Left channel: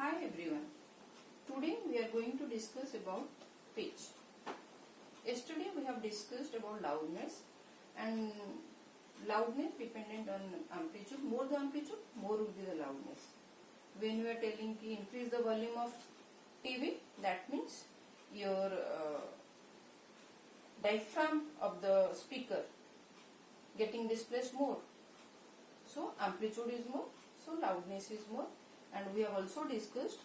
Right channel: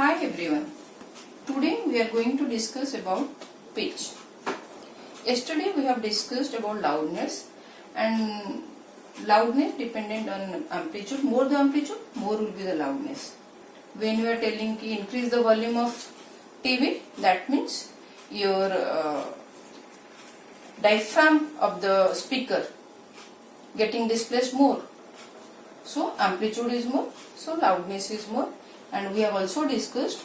Hi everyone. Today we are going to discuss about pitch. Yesterday we have discussed about loudness, and loudness dependent on amplitude. More the amplitude, more will be the loudness. When we are telling to increase the volume of TV, that means your diaphragm of the speaker getting displaced more. So amplitude is more, so loudness is more. And we have also discussed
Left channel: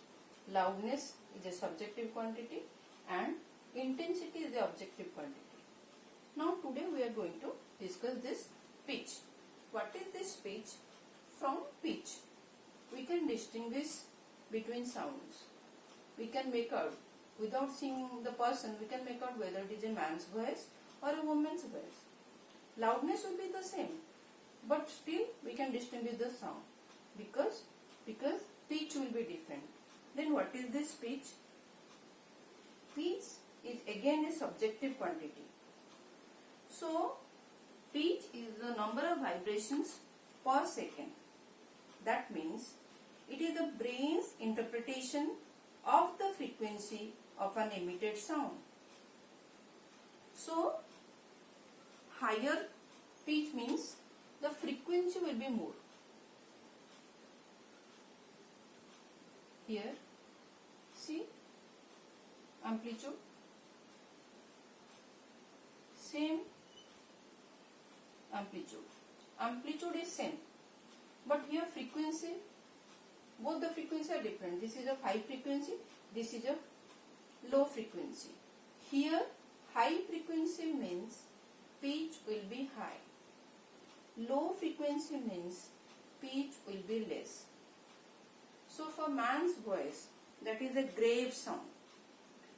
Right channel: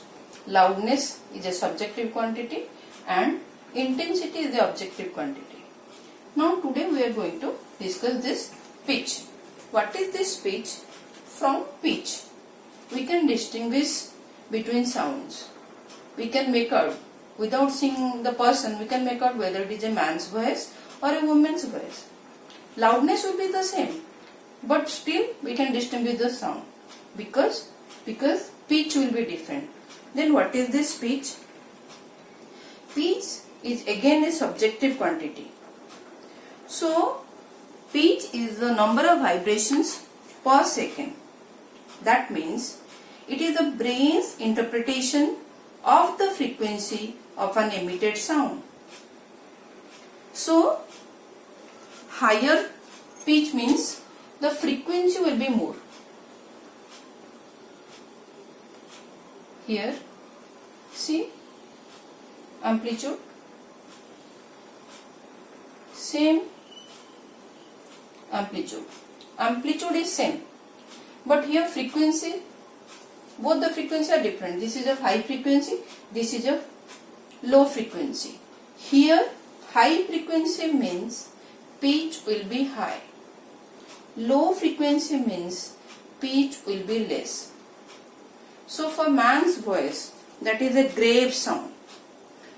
loudness is a subjective quantity and intensity is the objective quantity. Now today we are going to discuss this pitch. What is this pitch? From pitch we can distinguish between sounds. We can make out, without seeing the person, we can make out whether it is a man's voice or a woman's voice. Loudness will be the same, but still we can distinguish the sound because pitch will be different. Then what is this pitch? Pitch is again a subjective quantity. So pitch is the number of vibrations per second. That means it is the brain's interpretation of the frequency of an emitted sound. So higher pitch means the frequency will be more. Here, see, amplitude, same amplitude. Amplitude is same, but here frequency, both the frequency are different. This is a high frequency, this is a low frequency. Here, high frequency means pitch will be high. Low frequency means pitch will be less. So for man's voice, that is a grave sound.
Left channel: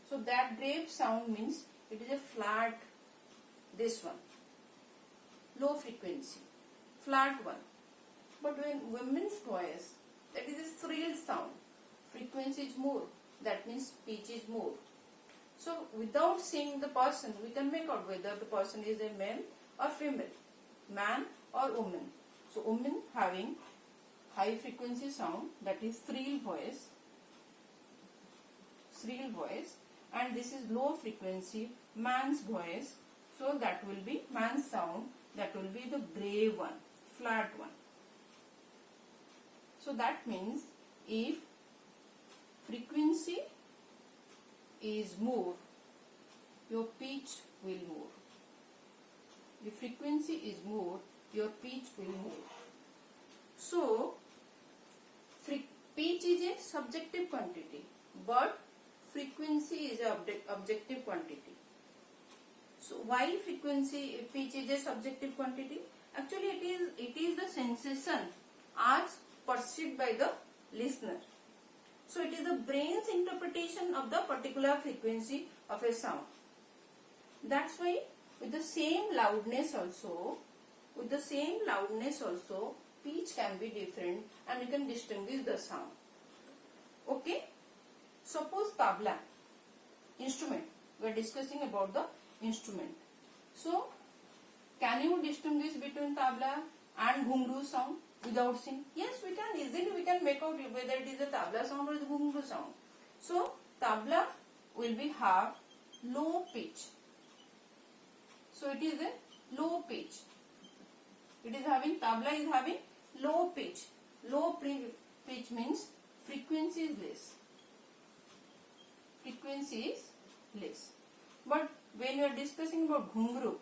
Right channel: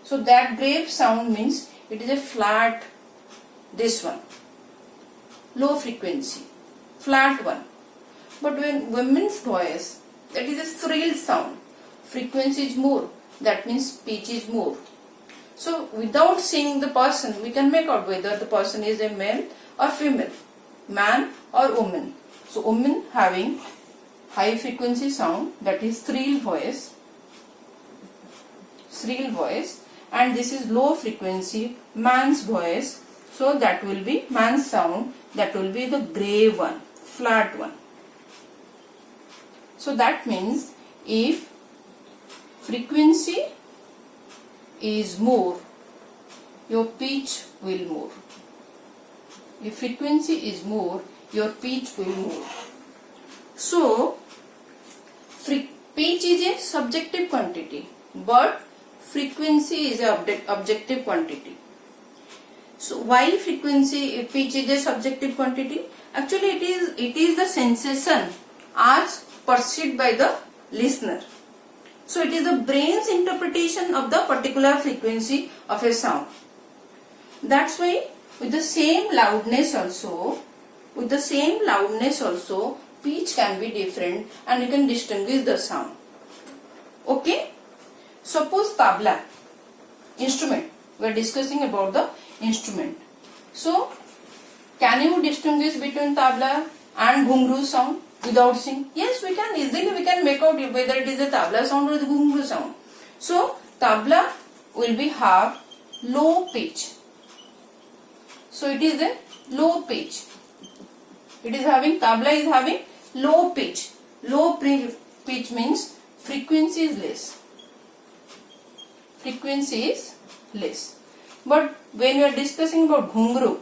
So that grave sound means it is a flat, this one, low frequency, flat one. But when women's voice, that is a shrill sound, frequency is more, that means pitch is more. So without seeing the person, we can make out whether the person is a male or female, man or woman. So woman having high frequency sound, that is shrill voice, and this is low frequency man's voice, so that will be man's sound, that will be the grave one, flat one. So that means if frequency is more, your pitch will more. If frequency is more, your pitch will more. So pitch is a subjective quantity, but frequency is an objective quantity. So why pitch is a subjective quantity? Actually it is the sensation as perceived by the listener. So it is the brain's interpretation of the particular frequency of a sound. That's why with the same loudness also, pitch can be different and you can distinguish the sound. Okay? Suppose tabla, instrument. We are discussing about the instrument. So, can you distinguish between tabla and ghungru sound without seeing? Yes, we can easily make out whether it is a tabla sound or the ghungru sound. So, tabla will be have low pitch. So, it is a low pitch. Tabla is having low pitch. Low pitch means frequency is less. But when we are discussing about ghungru,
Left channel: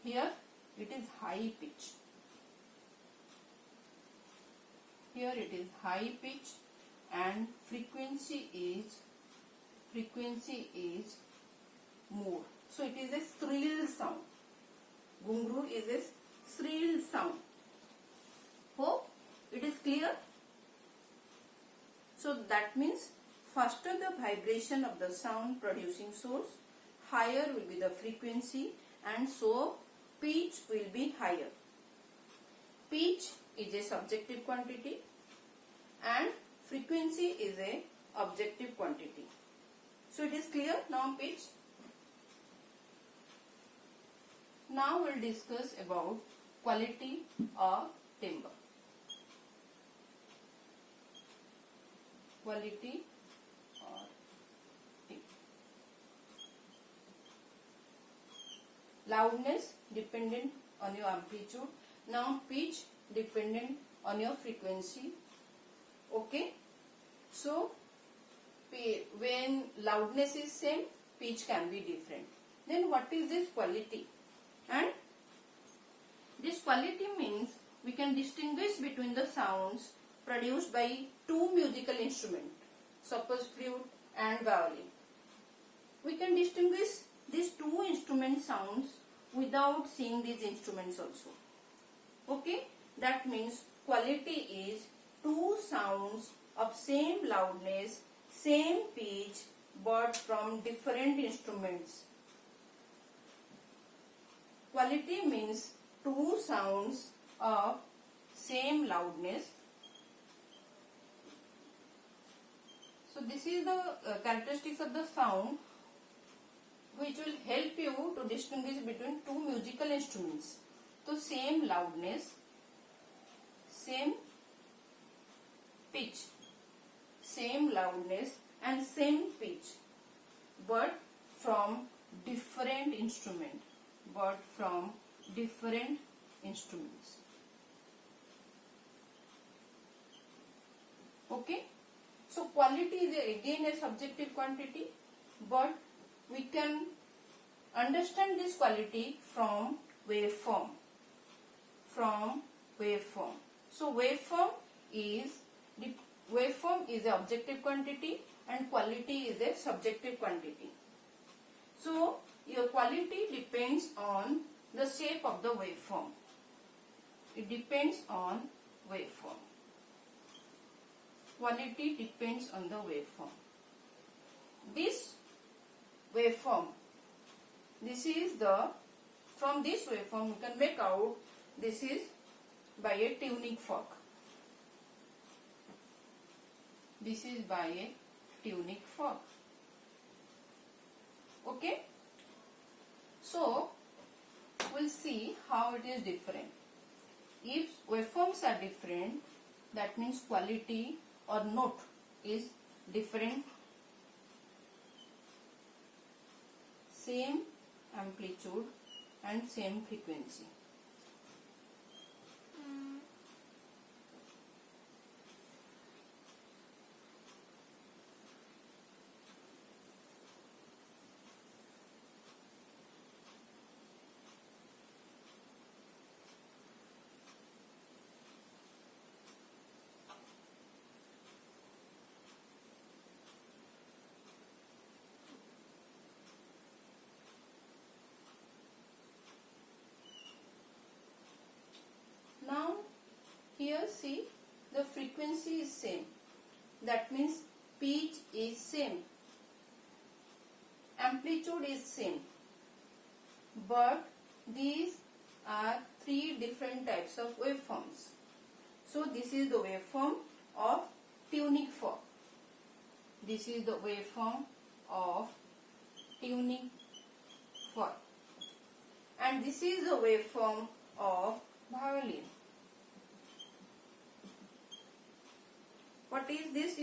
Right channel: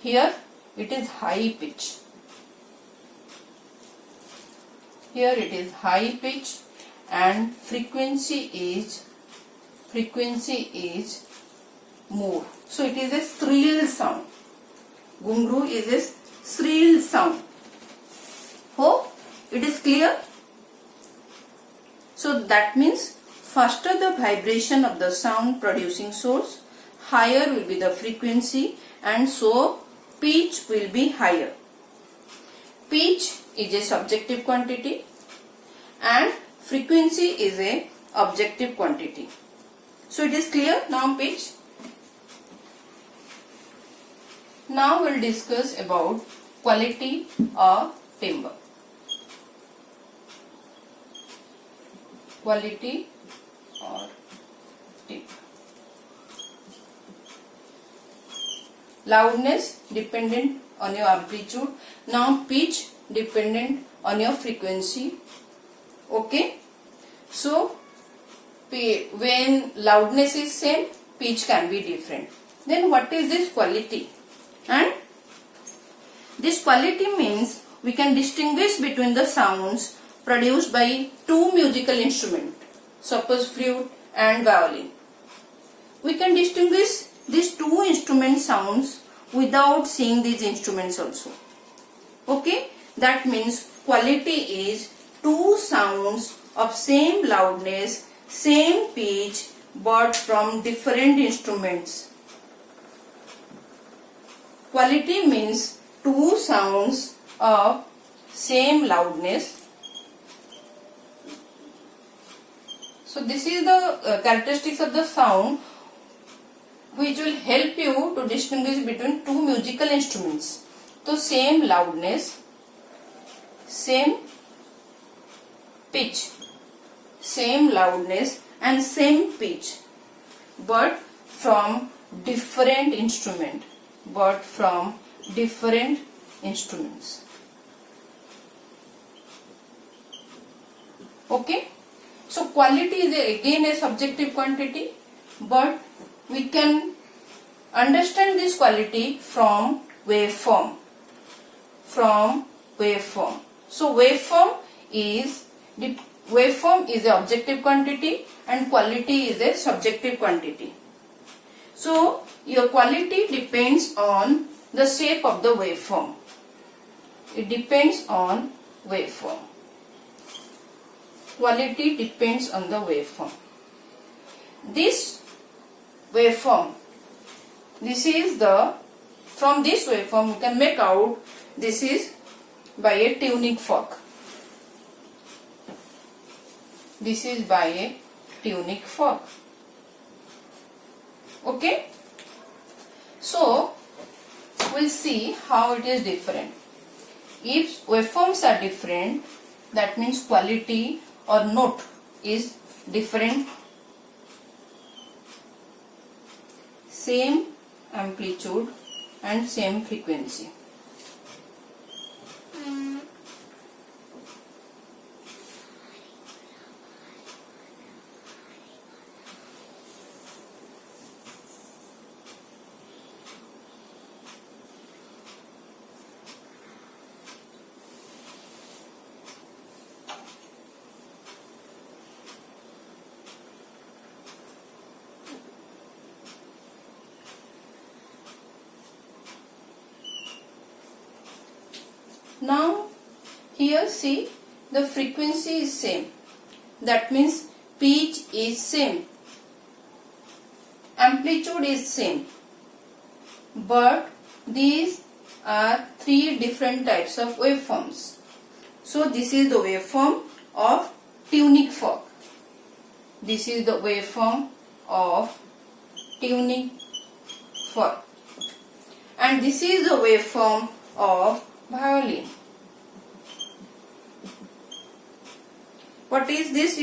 here it is high pitch. Here it is high pitch and frequency is more. So it is a shrill sound. Ghungru is a shrill sound. Hope it is clear? So that means faster the vibration of the sound producing source, higher will be the frequency, and so pitch will be higher. Pitch is a subjective quantity and frequency is a objective quantity. So it is clear now pitch. Now we will discuss about quality of timbre. quality or tip. Loudness dependent on your amplitude. Now pitch dependent on your frequency. Okay. So when loudness is same, pitch can be different. Then what is this quality? And this quality means we can distinguish between the sounds produced by two musical instruments, suppose flute and violin. We can distinguish these two instrument sounds without seeing these instruments also. Okay, that means quality is two sounds of same loudness, same pitch, but from different instruments. Quality means two sounds of same loudness. So this is the characteristics of the sound which will help you to distinguish between two musical instruments. So same loudness, same pitch, same loudness and same pitch, but from different instrument, Okay. So quality is again a subjective quantity, but we can understand this quality from waveform. So waveform is an objective quantity and quality is a subjective quantity. So your quality depends on the shape of the waveform. It depends on waveform. Quality depends on the waveform. This waveform, from this waveform we can make out this is by a tuning fork. This is by a tuning fork. Okay. So we'll see how it is different. If waveforms are different, that means quality or note is different. Same amplitude and same frequency. Now here see, the frequency is same. That means pitch is same. Amplitude is same. But these are three different types of waveforms. So this is the waveform of tuning fork. This is the waveform of tuning fork. And this is the waveform of violin. What is this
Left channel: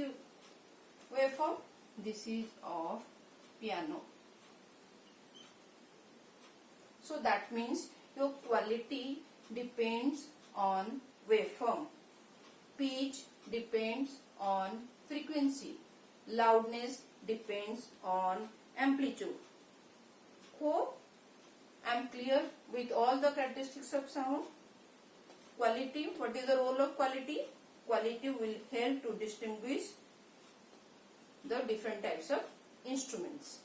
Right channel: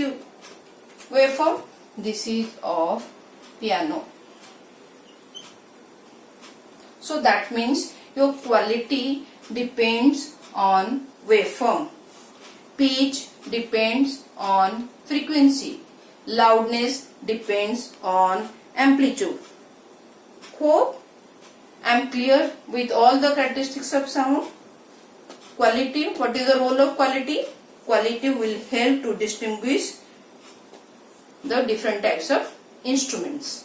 waveform? This is of piano. So that means your quality depends on waveform. Pitch depends on frequency. Loudness depends on amplitude. Hope I am clear with all the characteristics of sound. Quality, what is the role of quality? Quality will help to distinguish the different types of instruments.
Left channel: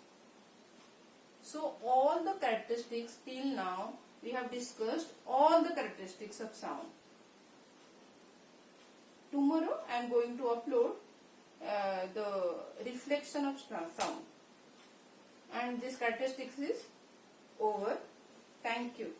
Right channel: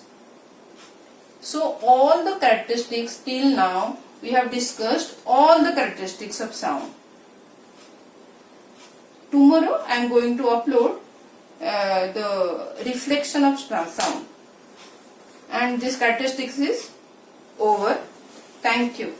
So all the characteristics till now we have discussed all the characteristics of sound. Tomorrow I am going to upload the reflection of sound, and this characteristics is over. Thank you.